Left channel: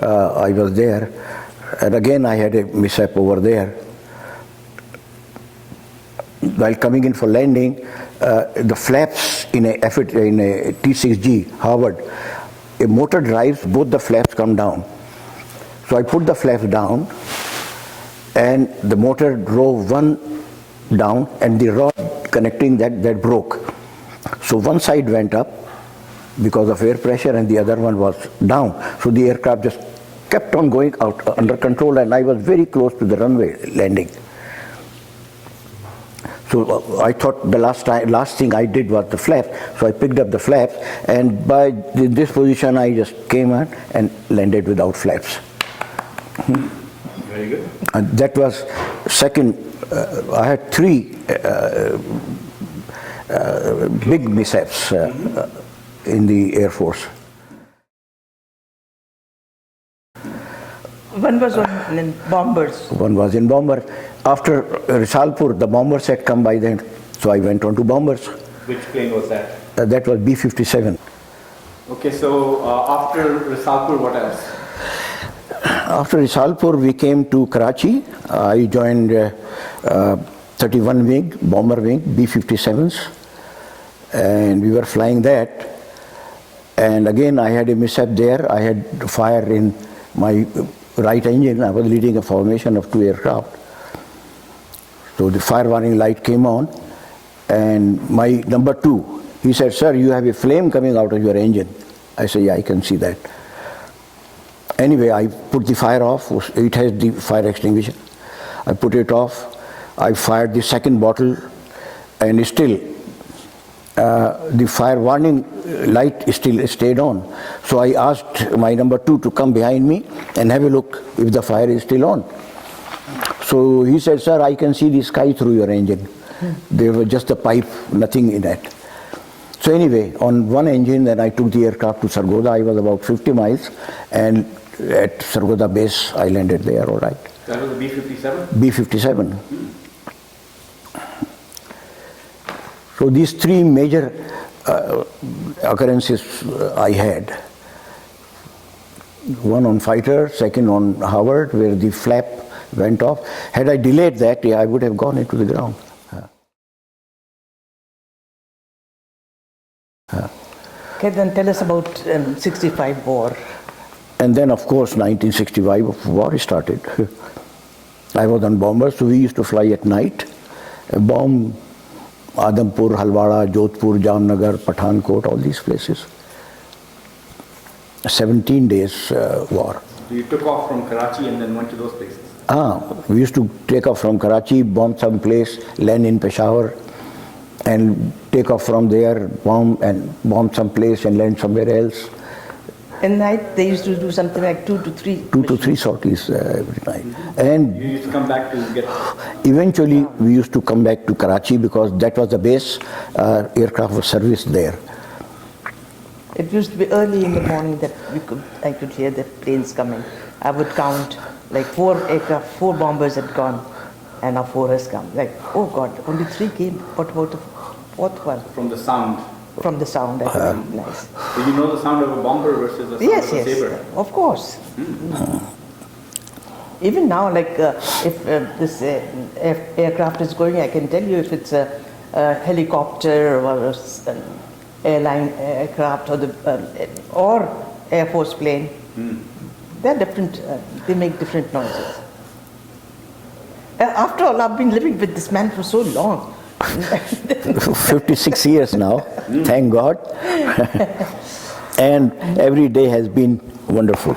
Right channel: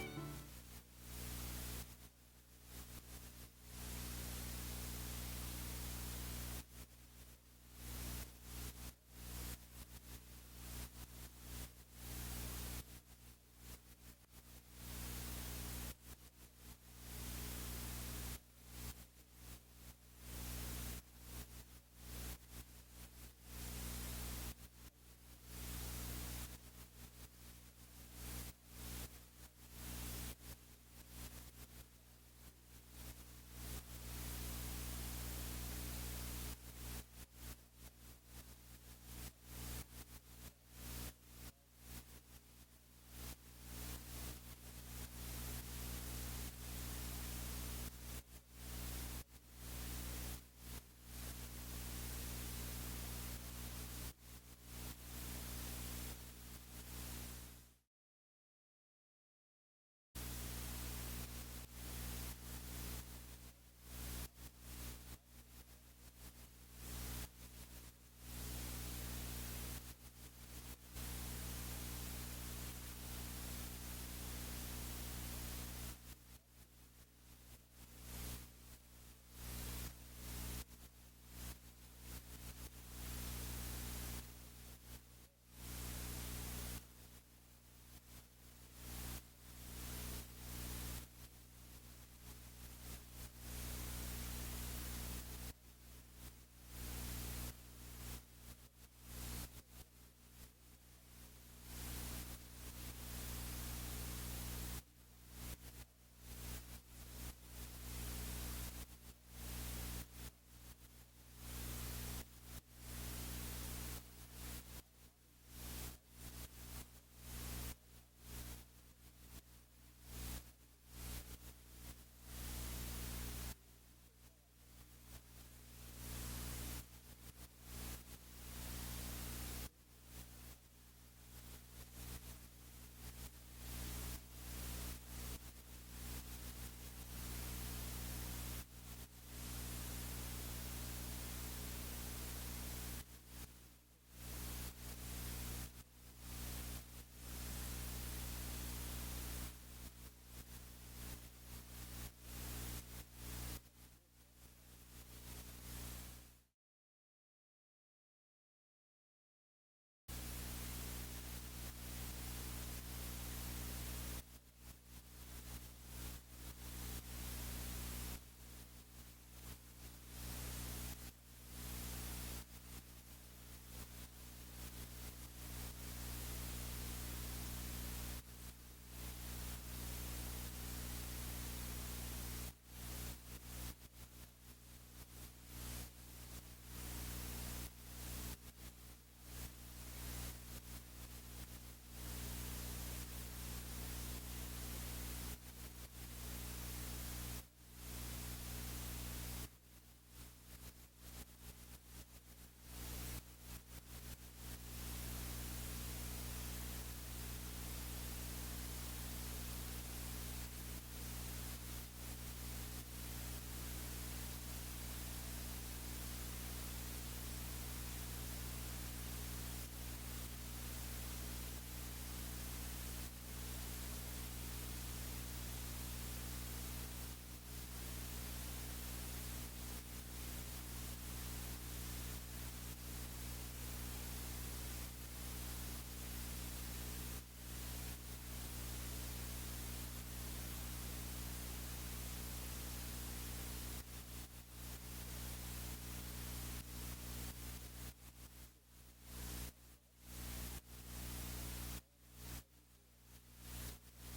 I was there, and again I had a mishap over there. While coming in for landing, the flaps in a T6G Harvard, a motor drives, both the flaps come down. So I put the flaps down, and the motor drove one down, and the rod connecting that broke. So one side went up because of air pressure, and the other one was down. So the aircraft just kept on going out under control, and I was very close to the runway landing. So I thought the last thing I did was the flap. So I picked up the flaps, and by this position I just came on and landed without flaps. Very good. And that was second. I had three big mishaps in the Air Force. One was in bombers. One was in bomber. After Risalpur, the bombers had come by then, so I went on to bombers. Which plane was that? That was B-57. Okay, so after Risalpur, what else? After Risalpur, we came to Karachi. I joined 31 wing, bomber wing, B-57s, and we were flying that. And again, I had a mishap there. I had fire in my right engine. I was leading a formation of two aircraft. So the fire warning light came on, and my number two, he said, "Sir, you have a flame coming out of your engine." I said, "Yeah, I can see that." Anyway, I put the fire off. It has the fire extinguisher. I put it off. I fired the second bottle, and still the fire warning light still stayed on. So I asked my number two to come behind me and have a look if the fire is still on. So he said, "Sir, I can see the sky through your engine." There was just a pipe, nothing in it. So anyway, on one engine, then I took the aircraft to Sargodha. I was about 50 miles, and at Sargodha base, I landed there, all right. That was a B-57? B-57. So these three major occurrences I had. One on fighter, second on Howard, where the flap went off. Had I delayed that, I would have gone into the ground. Okay, then tell us about 65 war. And then, of course, 1965 war started. I was on bombers, so we used to fly at night, bomb Adampur, Halwara, Jodhpur, Jamnagar, Pathankot, all these places. 17 days war. So you took off from Karachi and then went to those places? We used to take off from Karachi, bomb some place, land in Peshawar, and take off from there, bomb some place and land somewhere else. At night, they used to do something like 2 to 3. 2 to 3 sorties every night. And you used to come back to get... Eventually, we used to come back to Karachi because that was the base. Aircraft was serviced there. It used to be early in the morning that I could hear the planes coming. I would count like 4 aircraft, 4 bombers had gone, and now 4 has come. Like, oh God, only 3 came. What about the 4th one? From the sound. From the sound, that would be nice. Do you know the sound of a bomber versus the sound of a saber? Yes, of course. Even now, like if this aircraft is going, I can tell you if it's a helicopter or an airline aircraft or Air Force plane. They're different. They make different noises. After all, I've been living with this man for so long. 56 years now, thank God. And every day has been wonderful.